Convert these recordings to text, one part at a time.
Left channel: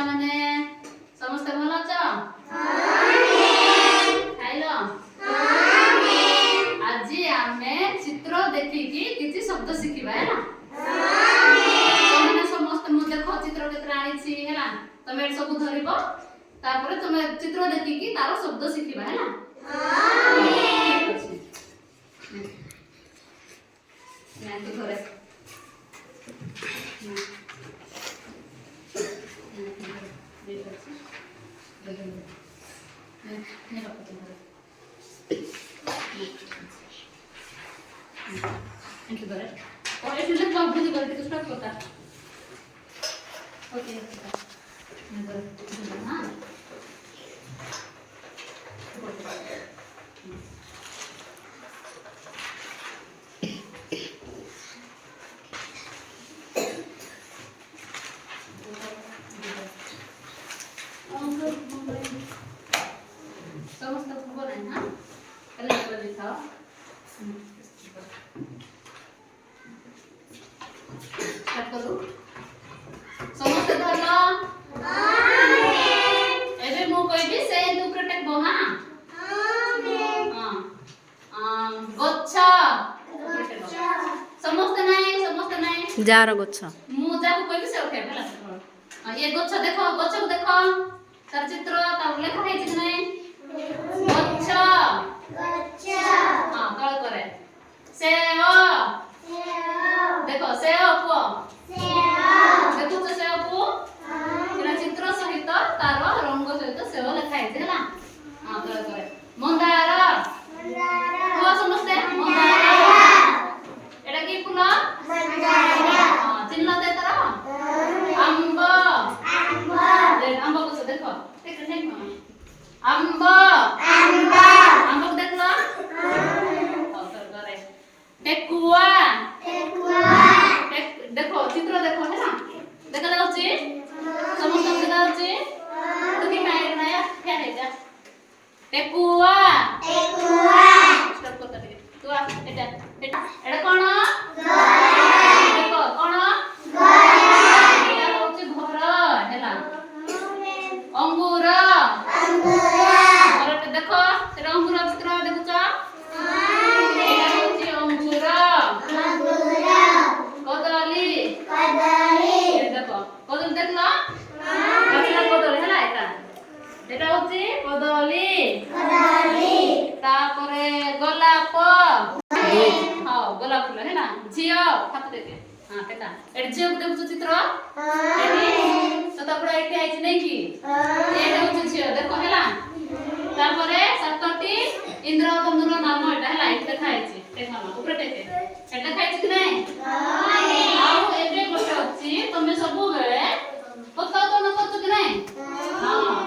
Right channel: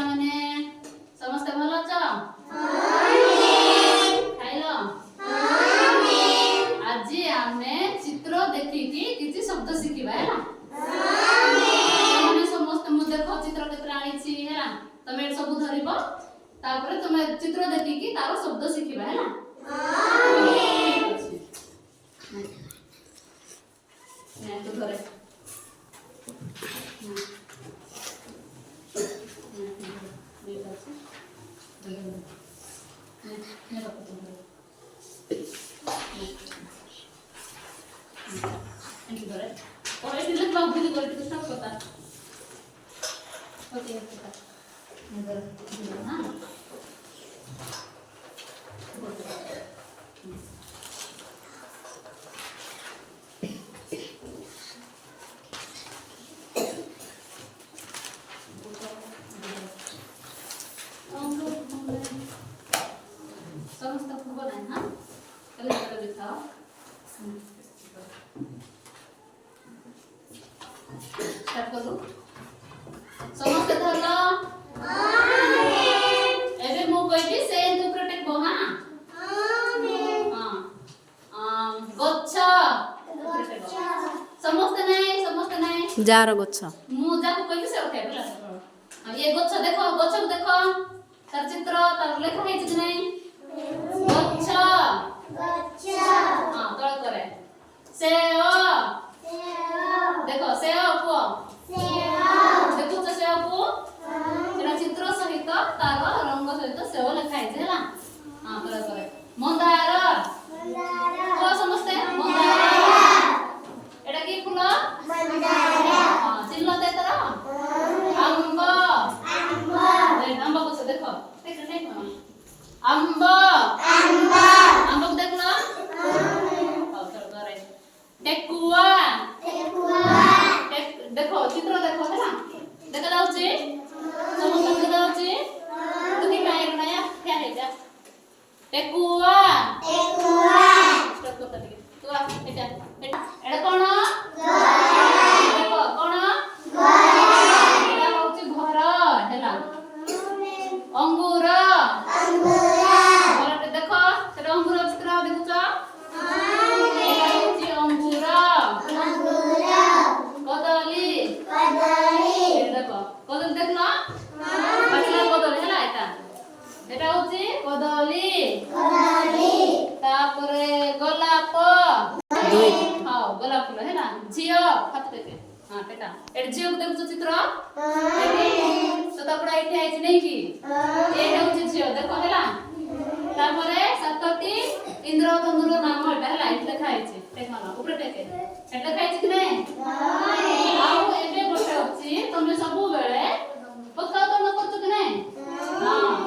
ପିଲାମାନେ ସମସ୍ତେ ଭଲ ଅଛ? ଖାଇଲ? ଆଜି ଆମେ ଚିତ୍ର ଦେଖିକି କିଛି ଶବ୍ଦ ଶିଖିବା ହେଲା। ତମେ ସମସ୍ତେ ମୁଁ ଦେଖ ଚିତ୍ର କେତେ ଆଣିଛି ହେଲା। ତମେ ଏଠି ସବୁ ଧରିବ ତାପରେ ତମେ ଚିତ୍ର ଦେଖିକି ତାର ଶବ୍ଦ ଶିଖିବା ହେଲା। ତୁ ଧରେ ସମସ୍ତେ ଧର ଏବେ ମୁଁ କହିବି ସେ ତୁ ପ୍ରୋଟେକ୍ଟ କହ ଗଛ ସମସ୍ତେ ନାହିଁ ଯାର ଗଛ ମୁଁ ଯାକୁ କହିବି ସେ ଉଠେଇବ ହେଲା। ଏ ଗଛ ଦେଖ ଗଛକୁ ଦେଖ ତାର ଚିତ୍ର ତାର ଲେଖା ହେଇଛି କି ନାହିଁ ଗଛ ତଳ କରେ ସେଓ ଦେଖ ସେଓ କୁହ ଦେଖୁଛ ସେଓକୁ ସେଟା ଚିତ୍ର ସହିତ ତାର ରଙ୍ଗ ସହିତ ସେଓ ଲେଖା ହେଇଛି ହେଲା। ତଳ କରେ ମନ୍ଦାର କୁହ ସମସ୍ତେ ମନ୍ଦାର ଏଟା କି ଫୁଲ ଚିହ୍ନ ତାର ଆମ୍ବ ଆମ୍ବ ଗଛ ଦେଖ ଆମ୍ବ ଆମ୍ବକୁ ଦେଖିଲ ଠେକୁଆ ଦେଖ ଚିତ୍ର ଦେଖ ହେଲା ଦେଖା ଯାଉଛି ସମସ୍ତଙ୍କୁ ଦେଖା ଯାଉଛି ତୁ କି ପାଇଲୁ ନା ଠିଆ ହେଇଯା ଠେକୁଆ ଏଟା କଣ ଦେଖ କଣ ଏଟା ହଉଛି ଘର ହେଲା। ଅଙ୍ଗୁର ଦେଖ ସେଟା ଅଙ୍ଗୁର ଚିତ୍ର ଦେଖୁଛ ଏଟା ହଉଛି ଅଙ୍ଗୁର କଦଳୀ ଦେଖ କଦଳୀ ଦେଖିଲ କଦଳୀ ହେଲା ଏଟା ହଉଛି କଦଳୀ ତାପରେ ଗୋଲାପ ଗୋଲାପ ଫୁଲ ହେଲା ଝିଅ ହାତ ଦେଖେ ଏଟା ଝିଅକୁ ଦେଖୁଛୁ ଚିତ୍ର ତାପରେ ଏଠି ଆଇଛି ନାଇକି ଏଇଟା ହଉଛି ଝିଅ ଦେଖ ହେଲା। ତାପରେ 7ଟି ଇନ୍ଦ୍ରଧନୁର ନାମ ଏଟା ହେଲା ଏଠି ଲେଖା ହେଇଛି ଉପରେ ଟେକେ ଏଟା ଲେଖା ହେଇଛି କି ନାଇଁ ଆଉ ଏବେ ଗୋଟେ ଅଛି ତମେ ସବୁବେଳେ ପତାକା ନ କରୁଛ କି ନାଇଁ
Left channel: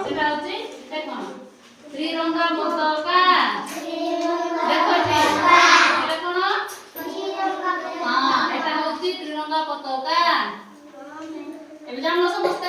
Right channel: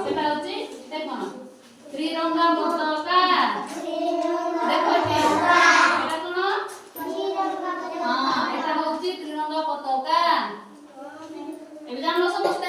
ସେଟା ହଉଛି ଦେଖ ତ୍ରିରଙ୍ଗା ପତାକା ଦେଖ ଏଠି ଏଟା କଣ ଏଟା ହଉଛି ତ୍ରିରଙ୍ଗା ପତାକା ଏବେ ଜାଣିଲ ସମସ୍ତେ